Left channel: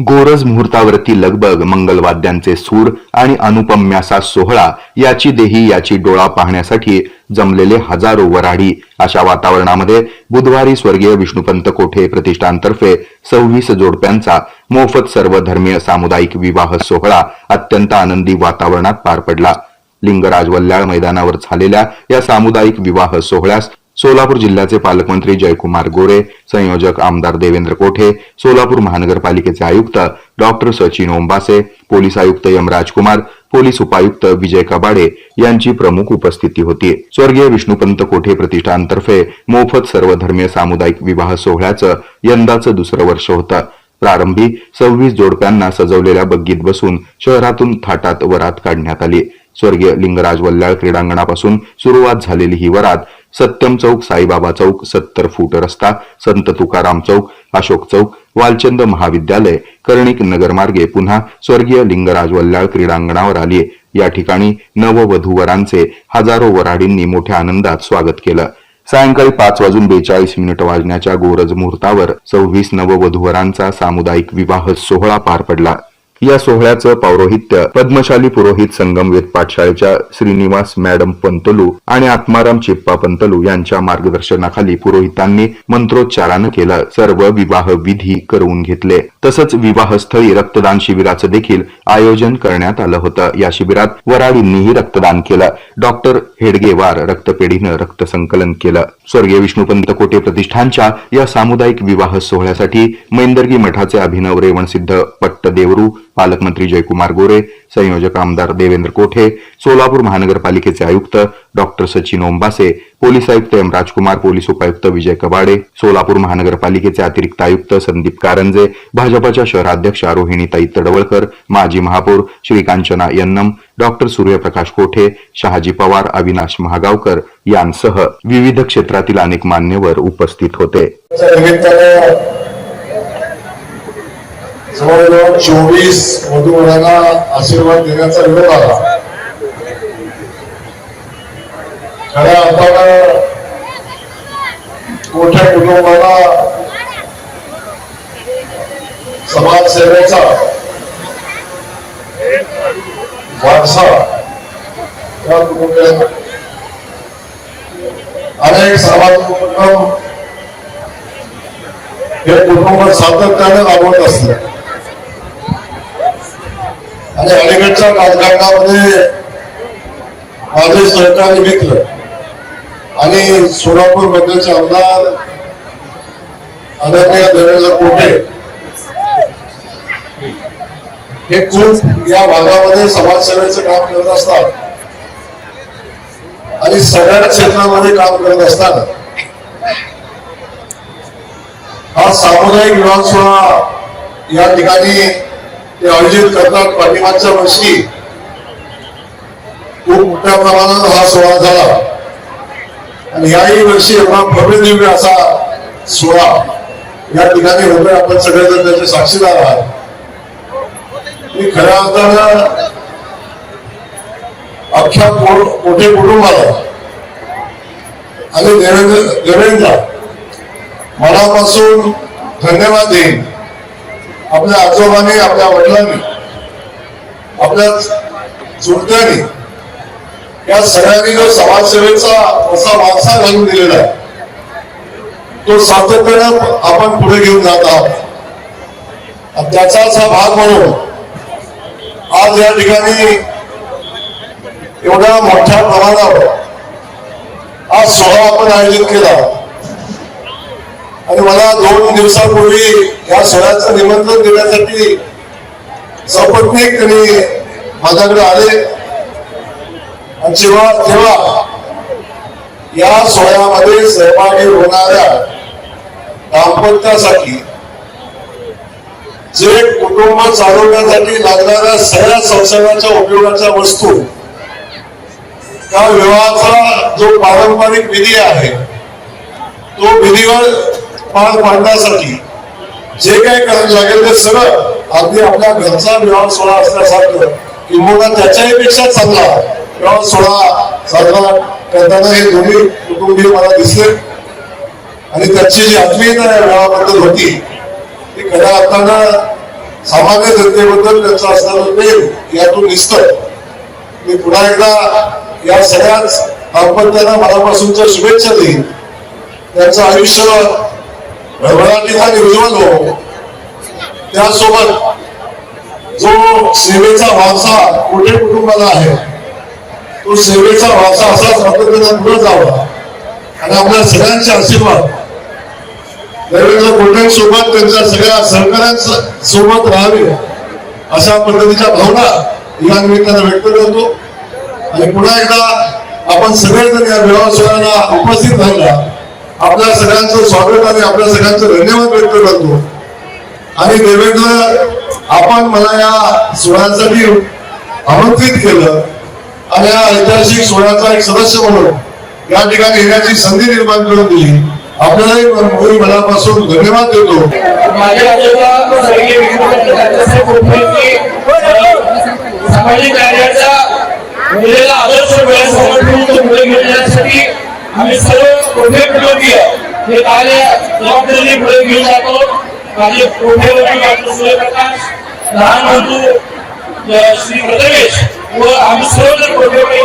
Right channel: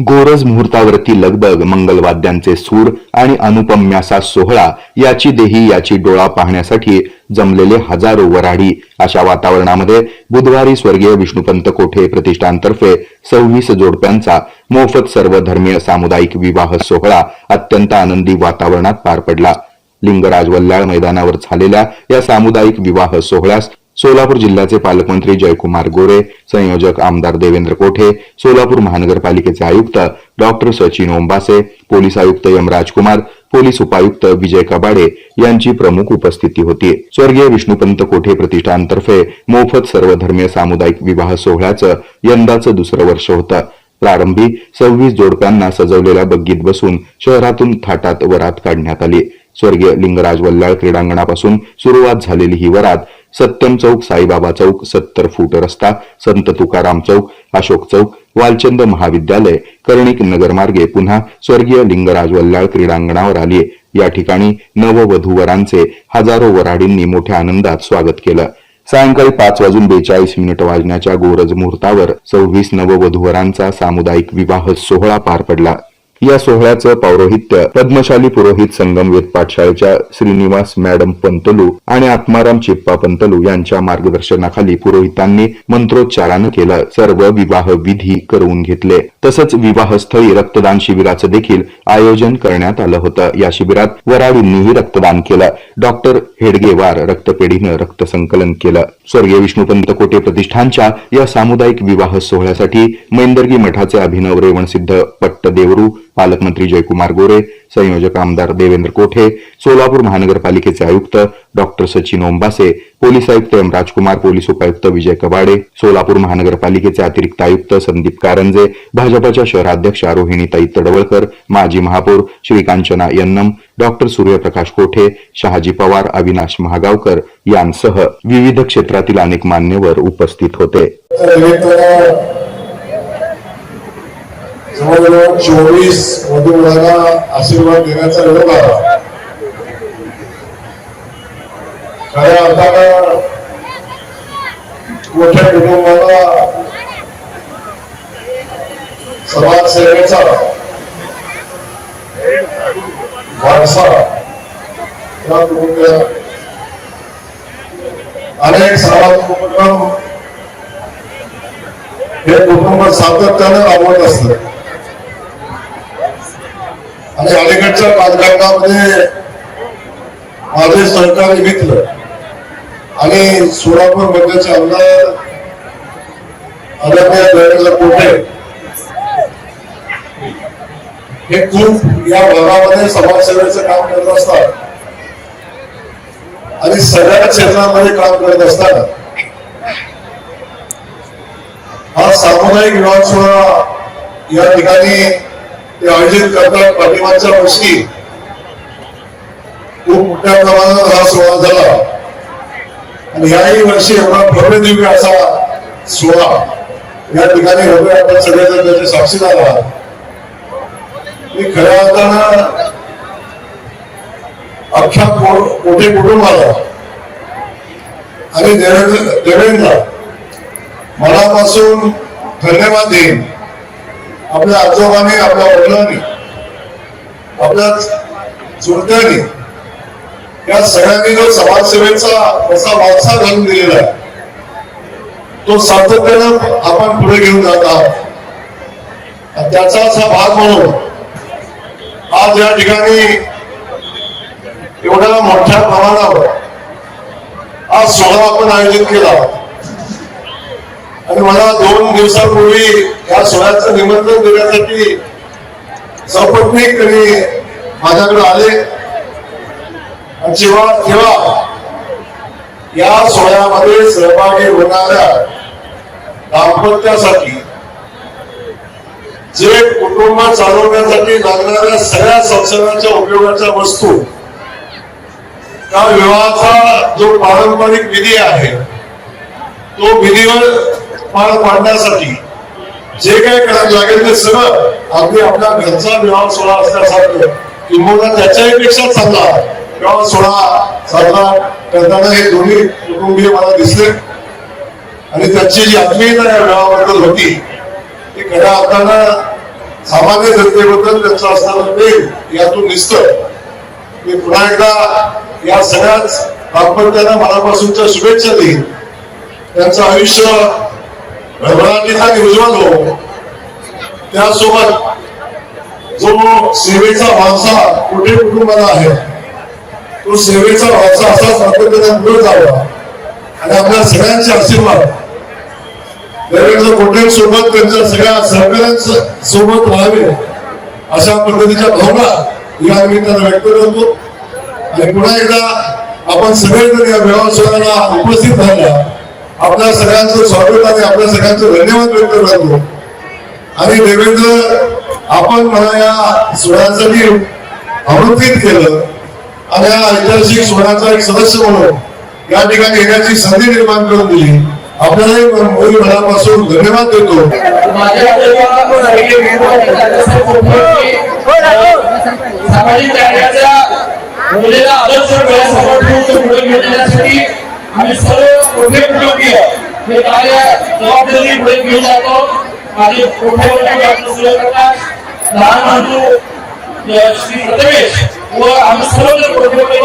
गोरज मुहूर्तावरती लगबग मंगलवाद्यांचे सूर आणि अनुपम्यासा सोहळा याची देही याची डोळा पाहण्यासाठी जमलेले हजारो वराडी अशा वातावरणामध्ये बुधवारी स्वर्गीय विष्णुपंत कोठे प्रतिष्ठानतर्फे सव्वीस जोडप्यांचा मोफत सर्वधर्मीय सामुदायिक विवाह सोहळा अत्यंत आनंदी वातावरणात पार पडला. लिंगराज वल्लाळ मैदानावर झालेल्या या सामुदायिक विवाह सोहळ्यास सोलापूर जिल्ह्याचे पालकमंत्री जयकुमार गोरे संयोजक आमदार देवेंद्र कोठे सोलापूर महानगरपालिकेचे आयुक्त डॉक्टर सचिन ओंबासे पोलीस आयुक्त यमराज कुमार पोलीस उपायुक्त विजय कबाडे यांची प्रमुख उपस्थिती होती. स्वर्गीय विष्णुपंत कोठे प्रतिष्ठानतर्फे मोफत सर्वधर्मीय सामुदायिक विवाह सोहळ्याचं यंदाचं दुसरं वर्ष होतं. प्रारंभी सव्वीस जोडप्यांना सजवलेल्या बग्गीत बसून शहरातून थाटात वरात काढण्यात आली. स्वर्गीय लिंगराज वल्लाळ क्रीडांगणापासून सुरुवात झालेली ही वरात सत्यम चौक साईबाबा चौक सत्तर फूट रस्ता संत तुकाराम चौक अशोक चौक वालचंद महाविद्यालय कर्णिक नगरमार्गे पुन्हा स्वर्गीय लिंगराज वल्लाळ क्रीडांगणावर आली. या ठिकाणी नववधूवरांचे हजारो वराडींनी मोठ्या आनंदात स्वागत केलं. सायंकाळी पाच वाजून बेचाळीस मिनिट वाजण्याच्या गोरज मुहूर्तावर सव्वीस नववधूवरांचा सामुदायिक विवाह सोहळा पार पडला. या सोहळ्याचं पौरोहित्य पद्मशाली पुरोहित संगमवेद पाठशाळेच्या श्रीनिवास मॅडम पंतलू आणि आत्माराम चिप्पा पंतलू यांच्या मार्गदर्शनाखाली पुरोहितांनी मंत्रोच्चारानं केलं. सर्व विवाह विधी करून घेतले. तसंच विवाहस्थळी रक्तदान शिबिराचं देखील आयोजन करण्यात आलं होतं. या शिबिरात वराडींनीही रक्तदान केलं. डॉक्टर हेडगेवार रक्तपेढीनं रक्त संकलन केलं. स्वर्गीय विष्णुपंत कोटे प्रतिष्ठानच्या या सामुदायिक विवाह सोहळ्यासाठी मैंदर्गी मठाचे अभिनव रेवणसिद्ध पट्टदेवरू पालकमंत्री जयकुमार गोरे संयोजक आमदार देवेंद्र कोठे सोलापूर महानगरपालिकेचे आयुक्त डॉक्टर सचिन ओंबासे पोलीस आयुक्त एम राजकुमार पोलीस उपायुक्त विजय कबाडे सोलापूर महानगरपालिकेचे अतिरिक्त आयुक्त संदीप कारंजे भाजपाच्या शहराध्यक्षा रोहिणीताई तडवळकर माजी महापौर श्रीकांचना यन्नम डॉक्टर सूर्यप्रकाश कोठे शहाजी पवार अविनाश महागावकर यांसह विविध क्षेत्रातील अनेक मान्यवर उपस्थित होते. जवळजवळ चोवीस मधुमेहाला आशीर्वाद देण्याचा वेळ आला खऱ्या अर्थानं मोठ्या कुटुंबाला समाजसेवेचा वारसा अनेक सामाजिक उपक्रम हे कुटुंब सातत्यानं राबवत असत आणि अलीकडच्या राजकारणामध्ये माझे सहकारी मित्र आणि सोलापूर मधल्याचे आमदार आदरणीय देवेंद्र कोठे? हे खूप या भागामध्ये समाजसेवेचे काम करत असतात. आणि सगळ्या क्षेत्रामध्ये काम करत असतात. हा सामुदायिक विवाह सोहळा या ठिकाणी ते आयोजित करतात. पाठिंबाच्या वर्षी खूप मोठ्या प्रमाणात हा सोहळा झाला. आणि याही वर्षी एवढा भव्य दिव्य असा सोहळा या ठिकाणी रवी आपण सगळेजण त्याचे साक्षीदार आहात. मी खऱ्या अर्थानं अख्ख्या मोठे कोठे कुटुंबाला आणि देवेंद्र देवेंद्र मनापासून धन्यवाद देईन. आपल्या आजोबांनी आपल्या वडिलांनी आपल्या चुलत्यांनी या सगळ्यांनी जो समाजसेवेचा असा वारसा घालून दिलेला आहे तो सातत्यानं आपण पुढे घेऊन जात आहोत. आणि त्याचाच हा भाग म्हणून आज या ठिकाणी एवढ्या मोठ्या प्रमाणावर आज सोहळा आपण आयोजित केला. आणि मला दोन दिवसापूर्वी या सोहळ्याचं निमंत्रण देण्यासाठी सपत्नीक त्यांनी माझ्याकडे आले. आणि जेव्हा तेव्हा या सोहळ्यामध्ये सहभागी होणाऱ्या दाम्पत्यासाठी जे कुटुंब चालवण्यासाठी लागणाऱ्या सगळ्या संसाराच्या उपयोगाच्या वस्तू त्या विवाहाचा जो पारंपरिक विधी आहे तो विधीवर पार पाडण्यासाठी जे काही करायला लागेल ते सगळं अगदी आपल्या घरचा विवाह सोहळा असल्यासारखं. किंबहुना त्याच्याही पेक्षा चांगला. विवाह सोहळा साजरा करताना हे दोन्ही कुटुंबीय मला दिसले. आणि त्याची जी आत्मीयता या विवाहाबद्दल होती ती खऱ्या अर्थानं सामान्य जनतेबद्दल त्यांचं असणारं प्रेम यातून दिसतं मी पुन्हा एकदा या सगळ्याच दाम्पत्यांना मनापासूनच्या शुभेच्छा देईन. त्यांचं आयुष्य भरभराटीचा निर्ज्वल हो त्यासोबत जो सेवेचा वारसा कुठे कुटुंबाला आहे तो सेवेचा वारसा असा सातत्याने पुढे जावा. आणि आपल्या सगळ्यांचे आशीर्वाद. देवेंद्र कोटे सोबत त्यांच्या सगळ्या सहकाऱ्यांच्या सोबत राहावे अशा पद्धतीच्या भावना या निमित्ताने व्यक्त करतो. आणि पुन्हा एकदा आपण सगळेजण या मेळावा सोहळ्याला उपस्थित राहिला. आपल्या सगळ्यांचं स्वागत आणि आपल्या सगळ्यांचं धन्यवाद व्यक्त करतो. आणि देवेंद्र आपण मला या सोहळ्यासाठी आमंत्रित केलं आणि या ऐतिहासिक सोहळ्याचा एक सदस्य म्हणून या ठिकाणी येण्याची संधी निर्माण करून दिली. आपल्यालाही मोरी मनापासून धन्यवाद देतो. सामाजिक कार्याचा मुलीला आदर्श डोळ्यासमोर ठेवून तो पुढे घेण्यासाठी आम्ही सर्व कुठे उपयोगी आहे हे कार्य जबाबदारी पुढे घेऊन जातो. माझे कुटुंबाची डॉक्टर लहान बंधू श्री प्रदेश व आम्ही सर्व कुटुंबीय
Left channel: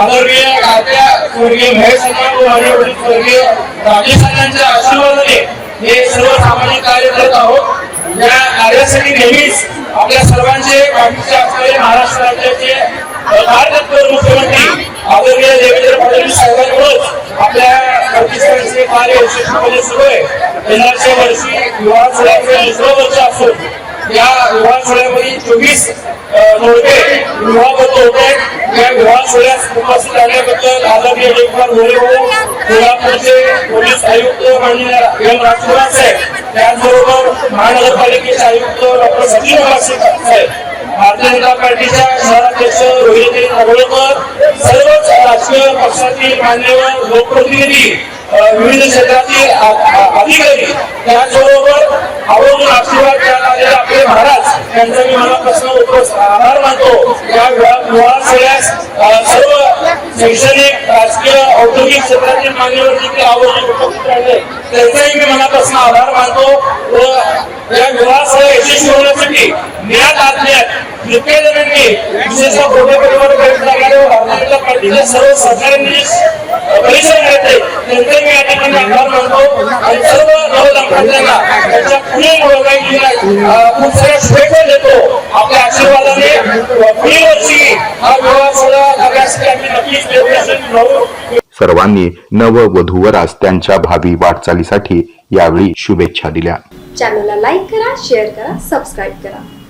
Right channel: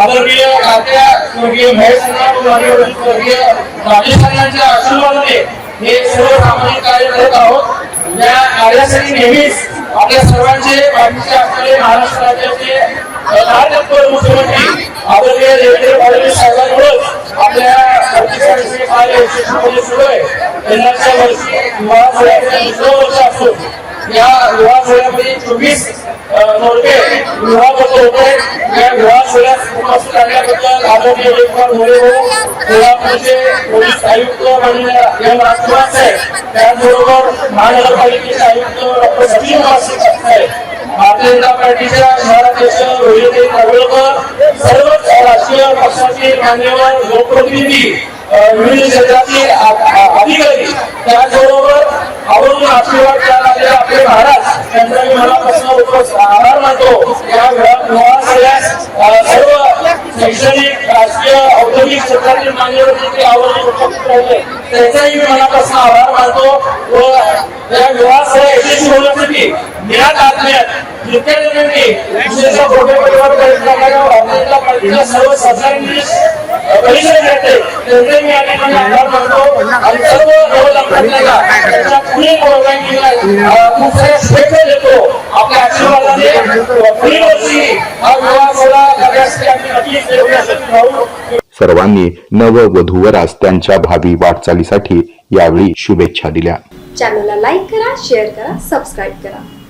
आदरणीय खात्या स्वर्गीय महेश स्वर्गीय राजेश अण्णांच्या आशीर्वादाने हे सर्व सामाजिक कार्य करत आहोत. या कार्यासाठी नेहमीच आपल्या सर्वांचे पाठीचे असलेले महाराष्ट्र राज्याचे भारतपूर मुख्यमंत्री आदरणीय देवेंद्र फडणवीस साहेबांकडून आपल्या प्रतिष्ठानचे कार्य यशस्वीपणे सुरू आहे येणाऱ्या वर्षी विवाह सोहळ्याचे दुसरं वर्ष असून या विवाह सोहळ्यामध्ये चोवीस नोव्हेंबर विवाह होत होते या विवाह सोहळ्यास उपस्थित राहण्याबद्दल आदरणीय मोरे कोल्हापूरचे पोलीस आयुक्त एम राजकुमार साहेब त्याचबरोबर महानगरपालिकेचे आयुक्त डॉक्टर सचिन वासे साहेब भारतीय जनता पार्टीच्या शहराध्यक्ष रोहिणी नवळकर सर्वच राजकीय पक्षातील मान्यवर लोकप्रतिनिधी विविध क्षेत्रातील अधिकारी त्याचबरोबर आवर्जून आशीर्वाद द्यायला आलेले आपले महाराज यांचा मी मनापासून उपस्थित आभार मानतो. या सगळ्यास सर्व शैक्षणिक राजकीय औद्योगिक क्षेत्रातील मान्यवर देखील आवर्जून उपस्थित राहिले त्यांचाही मी मनापासून आभार मानतो. व या विवाह सोहळा यशस्वी होण्यासाठी प्रयत्न पार्टीच्या सर्व घेतले त्यांचे मी या ठिकाणी आभार मानतो आणि सर्व नवदंपत्यांना त्यांच्या पुढील खूप साऱ्या शुभेच्छा देतो. आपल्या आशीर्वादाने पुढील वर्षी हा विवाह सोहळा करण्यासाठी आम्ही नक्कीच सर्वांनी नववधूवरास त्यांच्या भावी वाटचालीसाठी यावेळी शुभेच्छा दिल्या. चॅनलला लाईक करा शेअर करा सबस्क्राईब करा.